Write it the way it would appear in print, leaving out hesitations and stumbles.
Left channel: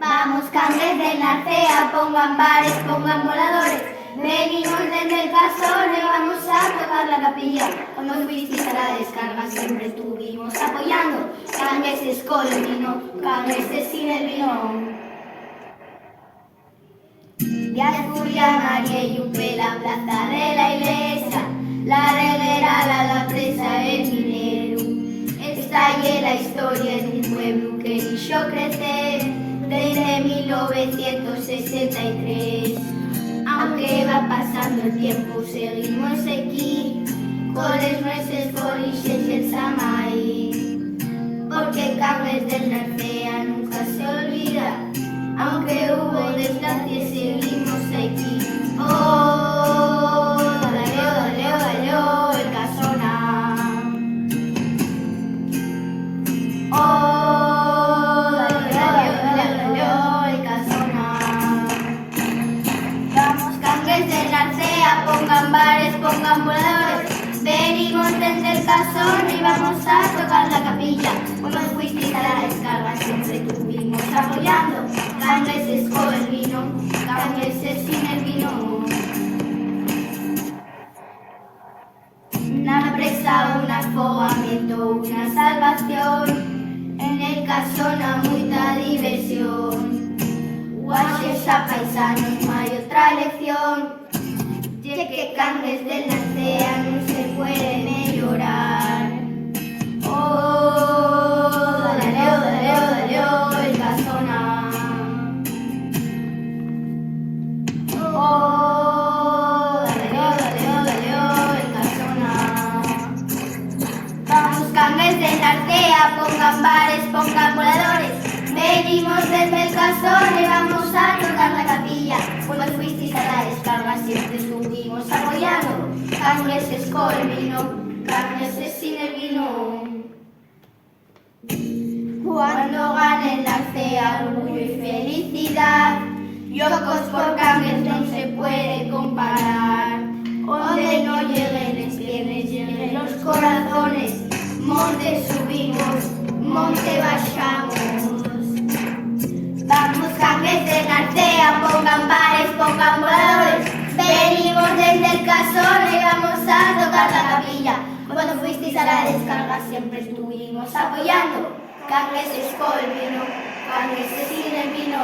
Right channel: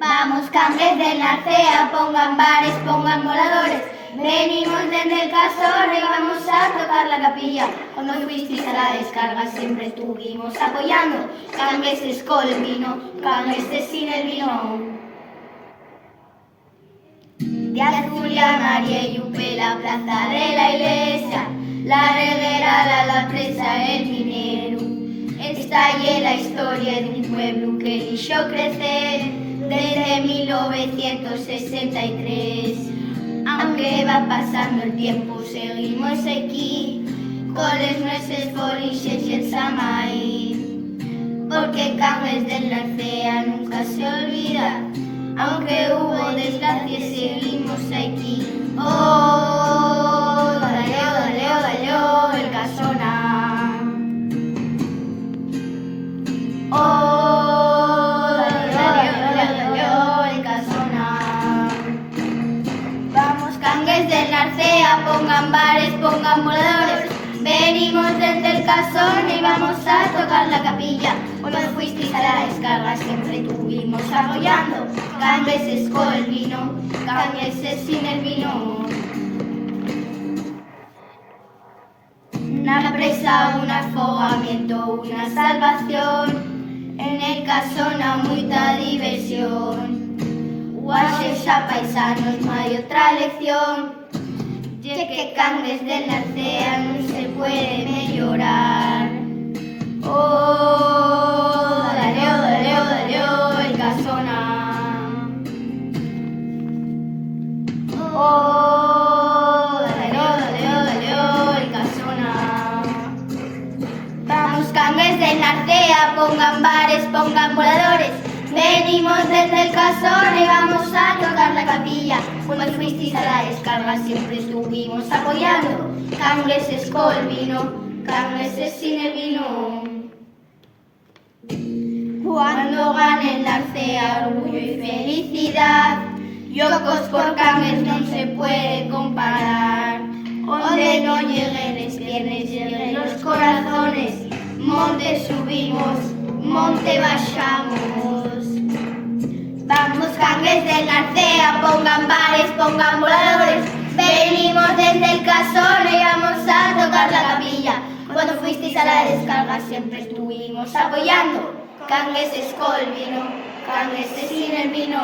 Vamos, cangues del Narcea, pongan bares, pongan voladores. Venimos desde el casón y vamos a tocar la capilla. Como fuisteis a la descarga siempre estuvimos apoyando. Cangueses con el vino, cangueses sin el vino. De Asturias, María y Upe, la plaza de la iglesia, la reguera, la presa, el minero. Esta es la historia de un pueblo que hizo crecer desde 1963. Aunque va pasando el tiempo, seguimos aquí, con los nuestros foliches y el samay. Porque Cangues del Narcea nunca se olvida, aunque hubo desgracias, seguimos aquí. Oh, dale, dale, dale, el casona. Oh, dale, dale, dale, el casona. Vamos, Cangues del Narcea, pongan bares, pongan voladores. Venimos desde el casón y vamos a tocar la capilla. Como fuisteis a la descarga siempre estuvimos apoyando. Cangueses con el vino, cangueses sin el vino. Una presa, un afogamiento, una salvación. En el casona mucha diversión. Guaches a paisanos, no hay otra elección. Ya que Cangues del Narcea no se puede llorar. Oh, dale, dale, dale, el casona. Oh, dale, dale, dale, el casona. Vamos, Cangues del Narcea, pongan bares, pongan voladores. Venimos desde el casón y vamos a tocar la capilla. Como fuisteis a la descarga siempre estuvimos apoyando. Cangueses con el vino, cangueses sin el vino. Cuando gane el Narcea, orgullo y felicidad. Yocos por Cangues no se puede comparar. Donde no lleguen las piernas, lleguen los corazones. Monte subimos, monte bajamos. Vamos, Cangues del Narcea, pongan bares, pongan voladores. Venimos desde el casón y vamos a tocar la capilla. Cuando fuisteis a la descarga siempre estuvimos apoyando. Cangueses con el vino, cangueses sin el vino.